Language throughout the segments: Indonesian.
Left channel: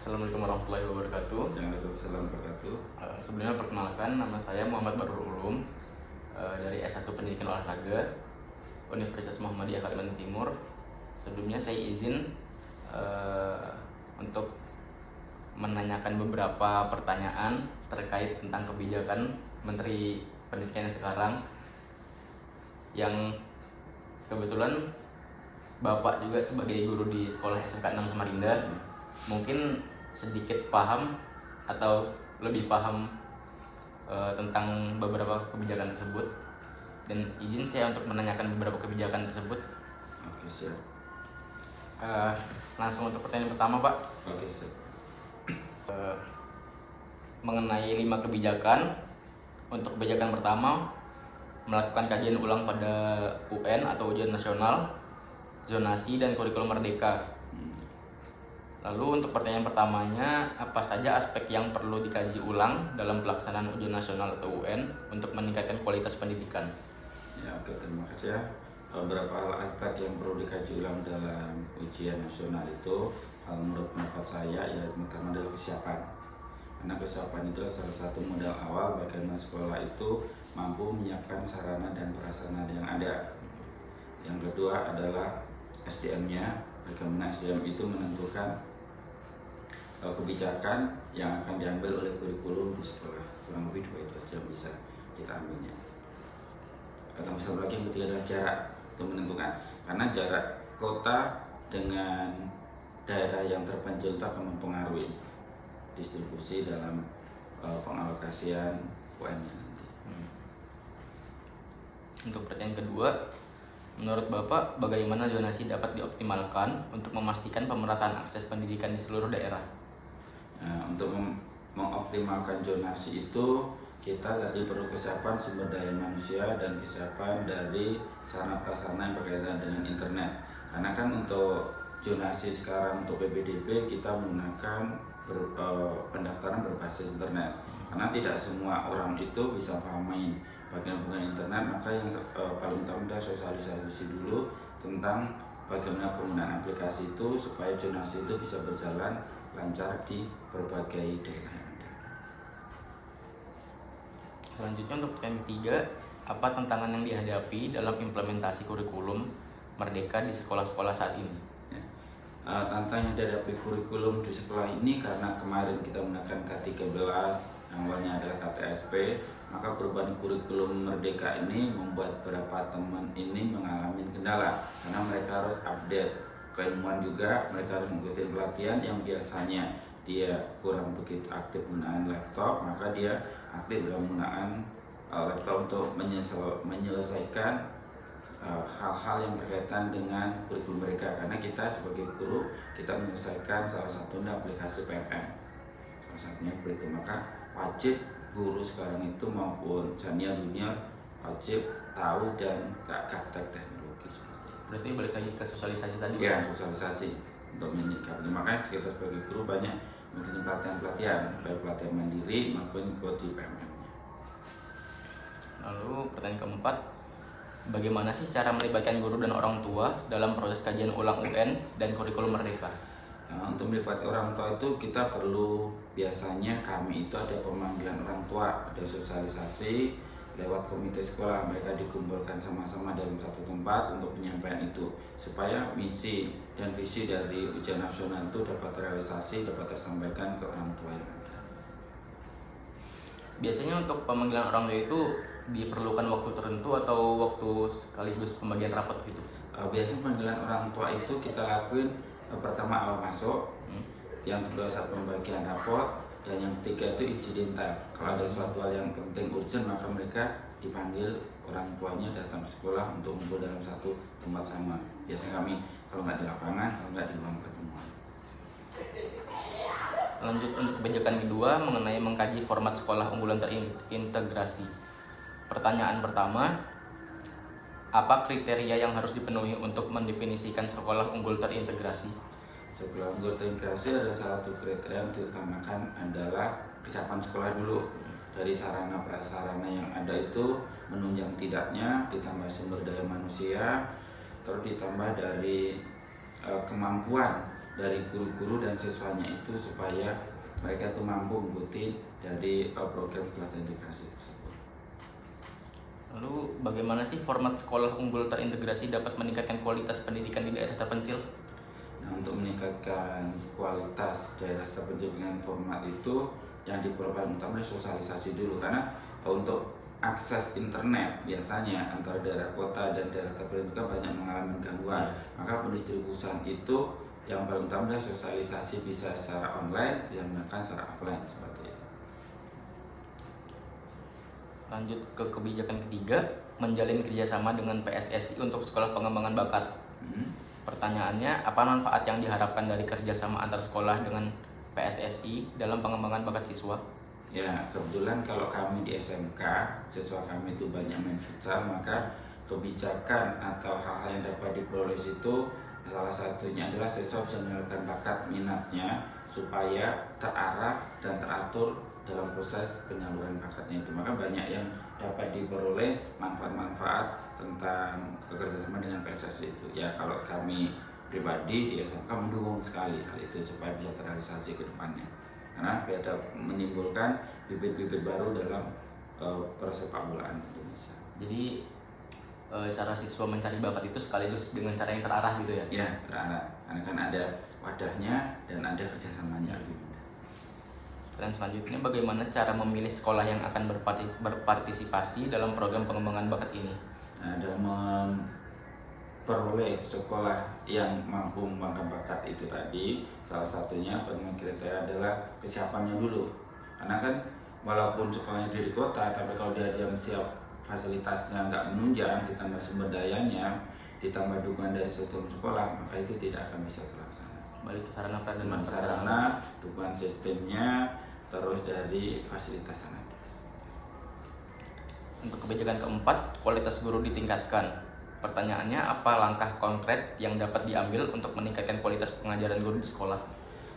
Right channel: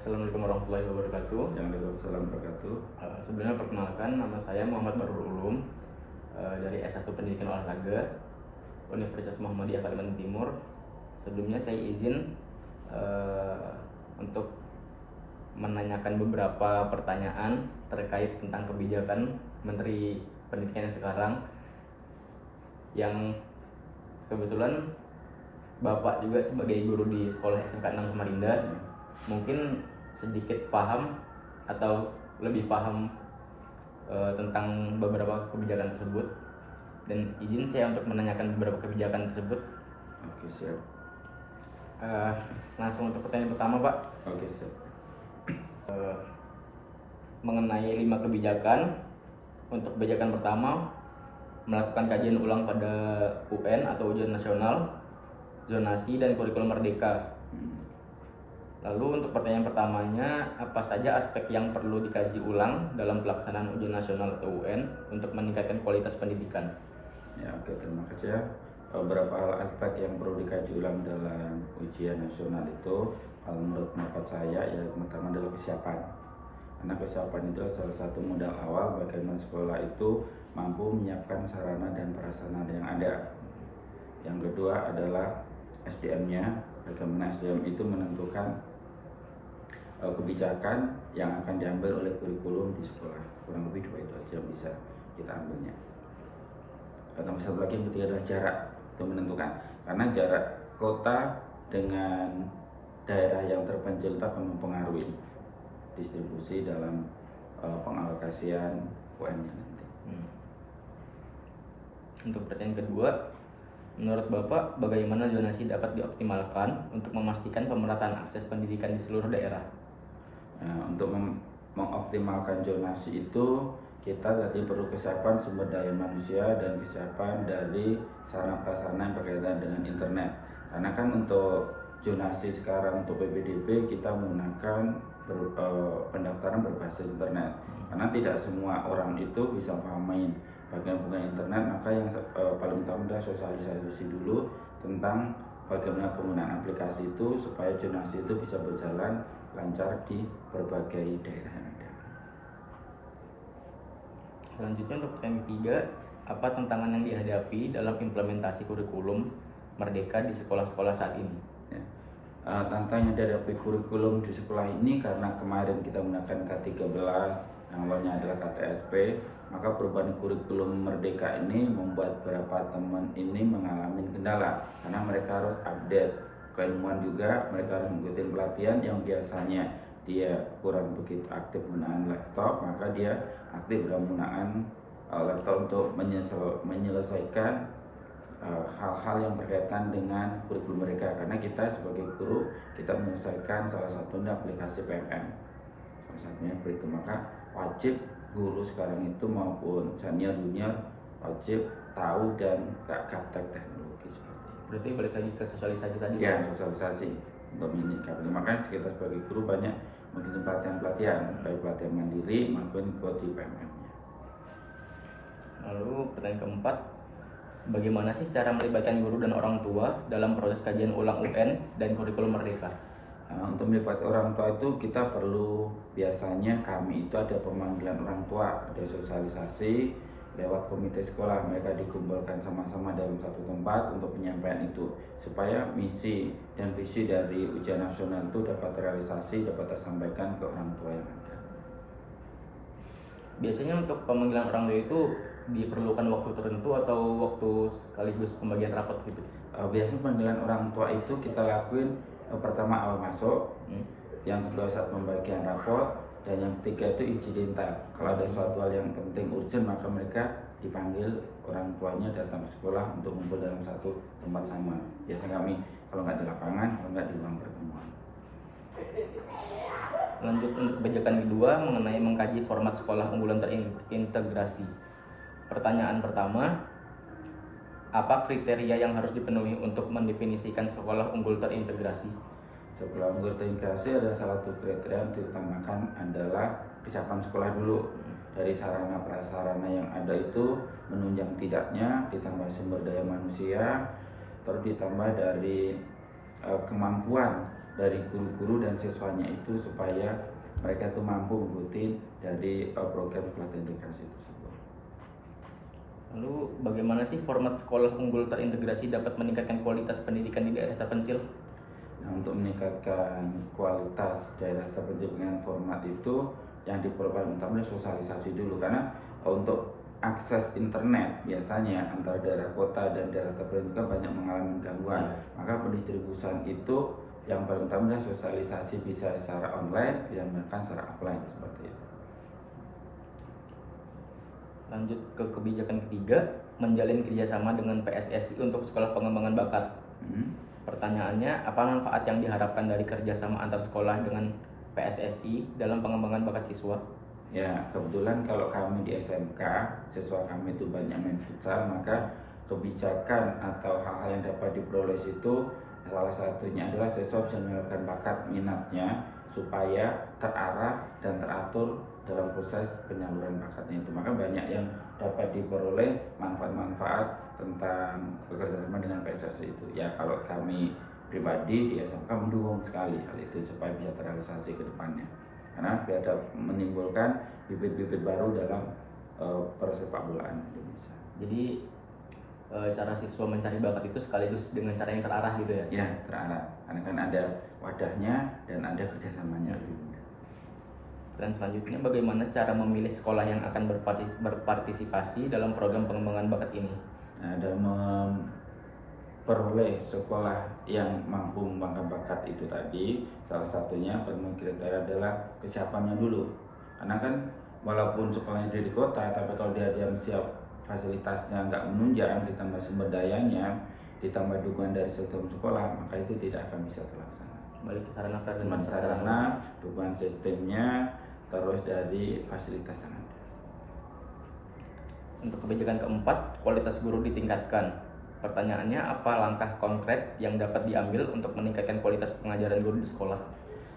Assalamualaikum warahmatullahi wabarakatuh. Waalaikumsalam warahmatullahi wabarakatuh. Sebelumnya perkenalkan, nama saya Muhammad Badrul Ulum dari S1 Pendidikan Olahraga Universitas Muhammadiyah Kalimantan Timur. Sebelumnya saya izin untuk menanyakan beberapa pertanyaan terkait tentang kebijakan Menteri Pendidikan sekarang, yang kebetulan Bapak juga sebagai guru di sekolah SMK 6 Samarinda mungkin sedikit paham atau lebih paham tentang beberapa kebijakan tersebut, dan izin saya untuk menanyakan beberapa kebijakan tersebut. Oke, siap. Langsung untuk pertanyaan pertama, Pak. Oke, siap. Mengenai 5 kebijakan. Untuk kebijakan pertama, melakukan kajian ulang pada UN atau ujian nasional, zonasi dan kurikulum merdeka. Lalu untuk pertanyaan pertamanya, apa saja aspek yang perlu dikaji ulang dalam pelaksanaan ujian nasional atau UN untuk meningkatkan kualitas pendidikan? Ya, oke, terima kasih ya. Beberapa hal aspek yang perlu dikaji ulang dalam ujian nasional itu, kalau menurut pendapat saya, ya pertama adalah kesiapan. Karena kesiapan itu salah satu modal awal bagaimana sekolah itu mampu menyiapkan sarana dan prasarana yang ada. Yang kedua adalah SDM-nya, bagaimana SDM itu menentukan kebijakan yang akan diambil oleh kurikulum di sekolah. Kurang lebih 2 itu aja yang bisa kita ambilnya. Atau satu lagi yang ketiga adalah jarak, itu menentukan, karena jarak kota dengan daerah yang terpencil itu akan mempengaruhi distribusi dalam pengalokasian UN-nya nanti. Untuk pertanyaan kedua, menurut Bapak bagaimana zonasi dapat dioptimalkan untuk memastikan pemerataan akses pendidikan di seluruh daerah? Nah, untuk mengoptimalkan zonasi itu kita tadi perlu kesiapan sumber daya manusia dan kesiapan dari sarana prasarana yang berkaitan dengan internet. Karena kan untuk zonasi sekarang untuk PPDB kita menggunakan pendaftaran berbasis internet. Karena tidak semua orang itu bisa pahami bagian internet, maka yang paling utama adalah sosialisasi dulu tentang bagaimana penggunaan aplikasi itu supaya zonasi itu bisa berjalan lancar di berbagai daerah yang ada. Selanjutnya untuk pertanyaan ketiga, apa tantangan yang dihadapi dalam implementasi kurikulum merdeka di sekolah-sekolah saat ini? Ya. Tantangan yang dihadapi kurikulum di sekolah ini karena kemarin kita menggunakan K13 yang awalnya adalah KTSP, maka perubahan kurikulum merdeka ini membuat beberapa teman ini mengalami kendala karena mereka harus update keilmuan juga, mereka harus mengikuti pelatihan yang biasanya dia kurang begitu aktif menggunakan laptop, maka dia aktif dalam menggunakan laptop untuk menyelesaikan hal-hal yang berkaitan dengan kurikulum mereka. Karena kita sebagai guru, kita menyelesaikan salah satu aplikasi PMM, salah satunya seperti itu. Maka wajib guru sekarang itu maupun senior junior wajib tahu dan gaptek teknologi seperti itu. Berarti balik lagi ke sosialisasi tadi? Ya, sosialisasi untuk menyikapi. Makanya kita sebagai guru banyak mungkin pelatihan, baik pelatihan mandiri maupun ikut di PMM-nya. Lalu pertanyaan keempat, bagaimana sih cara melibatkan guru dan orang tua dalam proses kajian ulang UN dan kurikulum merdeka? Nah, untuk melibatkan orang tua itu kita perlu, biasanya kami itu ada pemanggilan orang tua, ada sosialisasi lewat komite sekolah, mereka dikumpulkan sama-sama dalam satu tempat untuk penyampaian itu supaya misi dan visi dari ujian nasional itu dapat terrealisasi, dapat tersampaikan ke orang tua yang ada. Biasanya untuk pemanggilan orang tua itu diperlukan waktu tertentu atau waktu sekaligus pembagian rapat gitu? Biasanya pemanggilan orang tua itu kita lakuin pertama awal masuk, yang kedua saat pembagian raport, dan yang ketiga itu insidental. Kalau ada suatu hal yang penting urgent, maka mereka dipanggil orang tuanya datang ke sekolah untuk ngumpul dalam satu tempat sama. Biasanya kami kalau nggak di lapangan, kalau nggak di ruang pertemuan. Lanjut untuk kebijakan kedua mengenai mengkaji format sekolah unggulan terintegrasi. Pertanyaan pertama, apa kriteria yang harus dipenuhi untuk mendefinisikan sekolah unggul terintegrasi? Sekolah unggul terintegrasi ada salah satu kriteria yang diutamakan adalah kesiapan sekolah dulu. Dari sarana prasarana yang ada itu menunjang tidaknya, ditambah sumber daya manusia, terus ditambah dari kemampuan dari guru-guru dan siswanya itu supaya mereka itu mampu mengikuti dari program pelatihan integrasi tersebut. Lalu bagaimana sih format sekolah unggul terintegrasi dapat meningkatkan kualitas pendidikan di daerah terpencil? Nah, untuk meningkatkan kualitas daerah terpencil dengan format itu yang diperlukan utama sosialisasi dulu, karena untuk akses internet biasanya antara daerah kota dan daerah terpencil kan banyak mengalami gangguan. Maka pendistribusian itu yang paling utama adalah sosialisasi, bisa secara online, bisa menggunakan secara offline seperti itu. Lanjut ke kebijakan ketiga, menjalin kerjasama dengan PSSI untuk sekolah pengembangan bakat. Pertanyaannya, apa manfaat yang diharapkan dari kerjasama antar sekolah dengan PSSI dalam pengembangan bakat siswa? Ya, kebetulan kalau kami di SMK, siswa kami itu banyak main futsal, maka kebijakan atau hal-hal yang dapat diperoleh itu salah satunya adalah siswa bisa menyalurkan bakat minatnya supaya terarah dan teratur dalam proses penyaluran bakatnya itu. Maka banyak yang dapat diperoleh manfaat-manfaat tentang kerjasama dengan PSSI itu. Ya, kalau kami pribadi di SMK mendukung sekali hal itu supaya bisa terrealisasi ke depannya, karena biar menimbulkan bibit-bibit baru dalam persepak bolaan Indonesia. Jadi cara siswa mencari bakat itu sekaligus dengan cara yang terarah gitu ya? Ya, terarah, karena kan ada wadahnya dan ada kerjasamanya lebih mudah. Dan selanjutnya, bagaimana cara memilih sekolah yang akan berpartisipasi dalam program pengembangan bakat ini? Nah, dalam memperoleh sekolah yang mampu mengembangkan bakat itu tadi, salah satunya pemenuhi kriteria adalah kesiapannya dulu. Karena kan walaupun sekolahnya di kota, tapi kalau dia siap fasilitasnya nggak menunjang, ditambah sumber dayanya, ditambah dukungan dari sistem sekolah, maka itu tidak akan bisa terlaksana. Baik sarana sarana, dukungan sistemnya, terus dari fasilitas yang ada. Untuk kebijakan keempat, kualitas guru ditingkatkan. Pertanyaannya, apa langkah konkret yang dapat diambil untuk meningkatkan kualitas pengajaran guru di sekolah?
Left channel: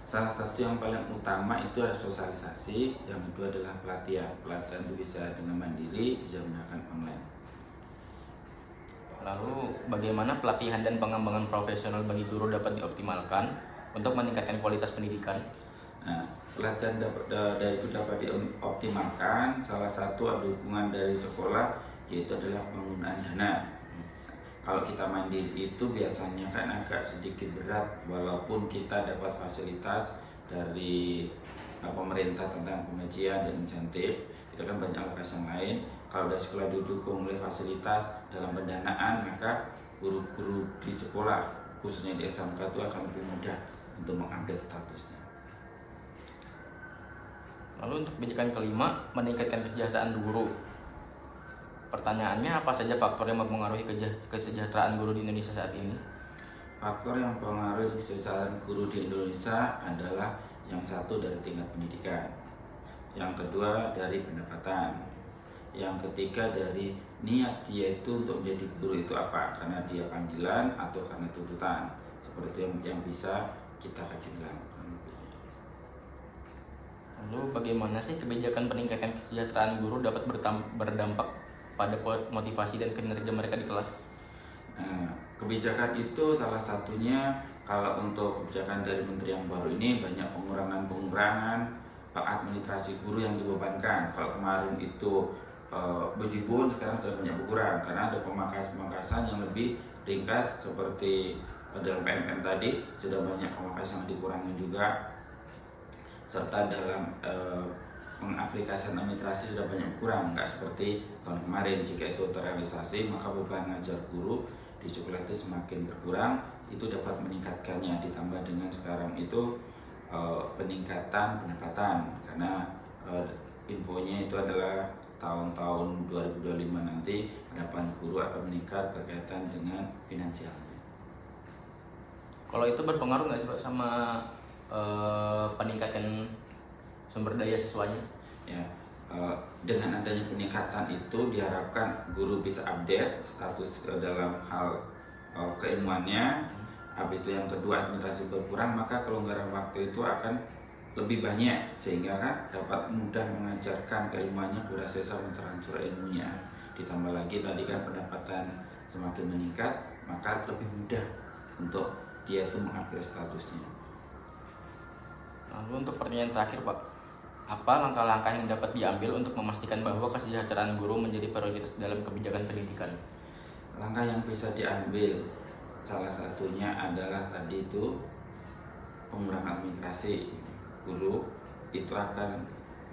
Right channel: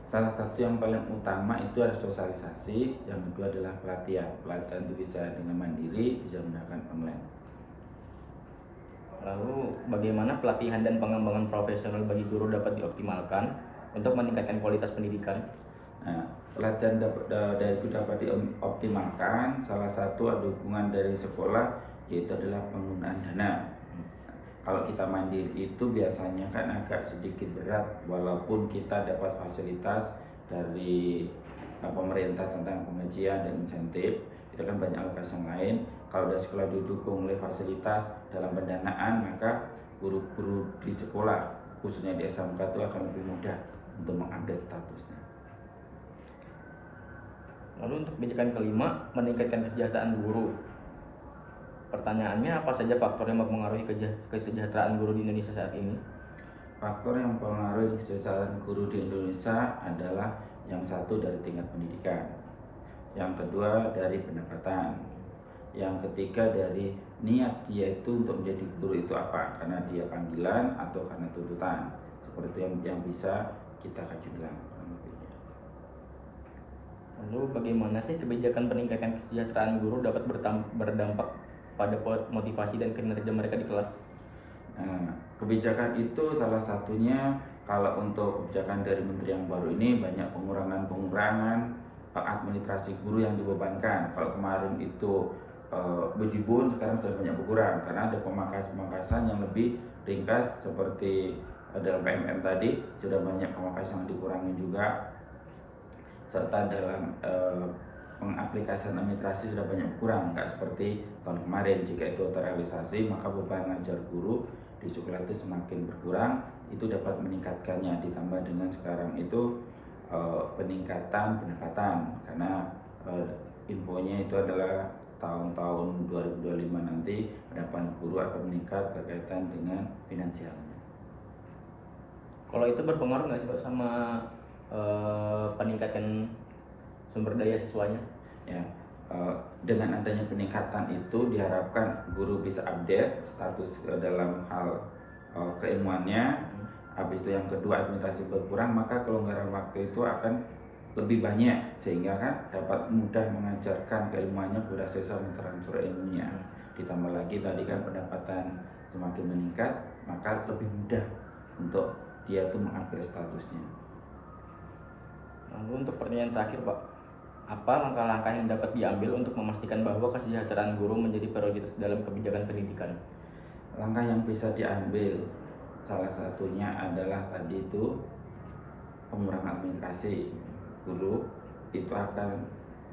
Salah satu yang paling utama itu adalah sosialisasi, yang kedua adalah pelatihan. Pelatihan itu bisa dengan mandiri, bisa menggunakan online. Lalu bagaimana pelatihan dan pengembangan profesional bagi guru dapat dioptimalkan untuk meningkatkan kualitas pendidikan? Nah, pelatihan itu dapat dioptimalkan. Salah satu ada dukungan dari sekolah, yaitu adalah penggunaan dana. Kalau kita mandiri itu biasanya kan agak sedikit berat, walaupun kita dapat fasilitas dari pemerintah tentang pengajian dan insentif, itu kan banyak alokasi yang lain. Kalau dari sekolah didukung oleh fasilitas dalam pendanaan, maka guru-guru di sekolah, khususnya di SMK itu akan lebih mudah untuk mengupdate statusnya. Lalu untuk kebijakan kelima, meningkatkan kesejahteraan guru. Pertanyaannya, apa saja faktor yang mempengaruhi kesejahteraan guru di Indonesia saat ini? Faktor yang mempengaruhi kesejahteraan guru di Indonesia adalah yang satu dari tingkat pendidikan, yang kedua dari pendapatan, yang ketiga dari niat dia itu untuk menjadi guru itu apa, karena dia panggilan atau karena tuntutan. Seperti yang bisa kita kaji dalam. Lalu bagaimana sih kebijakan peningkatan kesejahteraan guru dapat berdampak pada motivasi dan kinerja mereka di kelas? Nah, kebijakan itu salah satunya, kalau untuk kebijakan dari menteri yang baru ini banyak pengurangan administrasi guru yang dibebankan. Kalau kemarin itu bejibun, sekarang sudah banyak berkurang karena ada pemangkasan yang lebih ringkas, seperti dalam PMM tadi sudah banyak pemangkasan yang dikurangi juga, serta dalam pengaplikasian administrasi sudah banyak berkurang, nggak seperti tahun kemarin. Jika itu terrealisasi, maka beban ngajar guru di sekolah itu semakin berkurang. Itu dapat meningkatkannya, ditambah dengan sekarang itu peningkatan pendapatan, karena infonya itu adalah tahun-tahun 2025 nanti pendapatan guru akan meningkat berkaitan dengan finansialnya. Kalau itu berpengaruh nggak sih Pak sama peningkatan sumber daya siswanya? Ya, dengan adanya peningkatan itu diharapkan guru bisa update status dalam hal keilmuannya. Habis itu yang kedua, administrasi berkurang, maka kelonggaran waktu itu akan lebih banyak, sehingga kan dapat mudah mengajarkan keilmuannya kepada siswa, mentransfer ilmunya. Ditambah lagi tadi kan pendapatan semakin meningkat, maka lebih mudah untuk dia itu mengupgrade statusnya. Lalu untuk pertanyaan terakhir Pak, apa langkah-langkah yang dapat diambil untuk memastikan bahwa kesejahteraan guru menjadi prioritas dalam kebijakan pendidikan? Langkah yang bisa diambil salah satunya adalah tadi itu pengurangan administrasi. Guru itu akan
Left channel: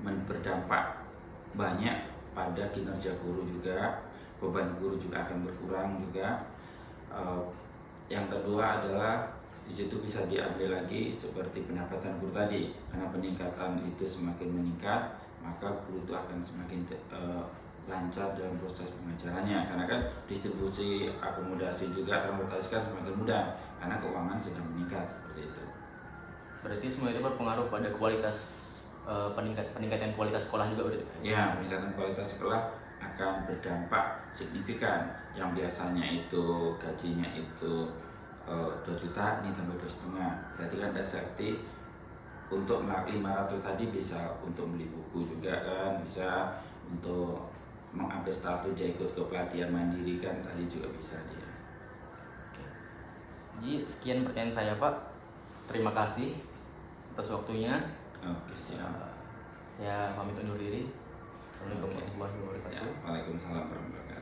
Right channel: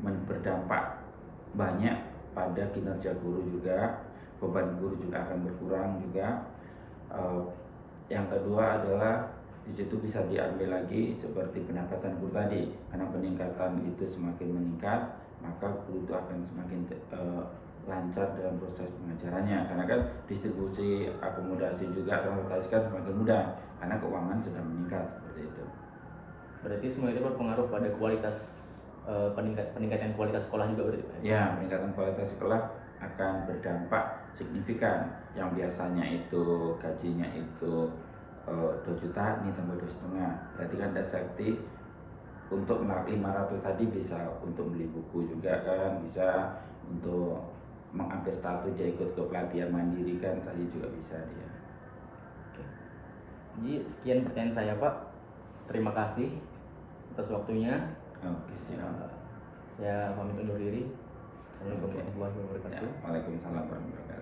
berdampak banyak pada kinerja guru juga, beban guru juga akan berkurang juga. Yang kedua adalah di situ bisa diambil lagi seperti pendapatan guru tadi, karena peningkatan itu semakin meningkat maka guru itu akan semakin lancar dalam proses pengajarannya, karena kan distribusi akomodasi juga transportasi kan semakin mudah karena keuangan sedang meningkat seperti itu. Berarti semua itu berpengaruh pada kualitas peningkatan kualitas sekolah juga berarti? Ya, peningkatan kualitas sekolah akan berdampak signifikan. Yang biasanya itu gajinya itu 2 juta, ini tambah 2,5. Berarti kan ada safety untuk 500 tadi bisa untuk beli buku juga kan, bisa untuk mengupdate status dia ikut ke pelatihan mandiri kan tadi juga bisa dia. Jadi sekian pertanyaan saya Pak. Terima kasih atas waktunya. Oke, siap. Saya pamit undur diri. Oke. Assalamualaikum warahmatullahi wabarakatuh. Ya, Waalaikumsalam warahmatullahi wabarakatuh.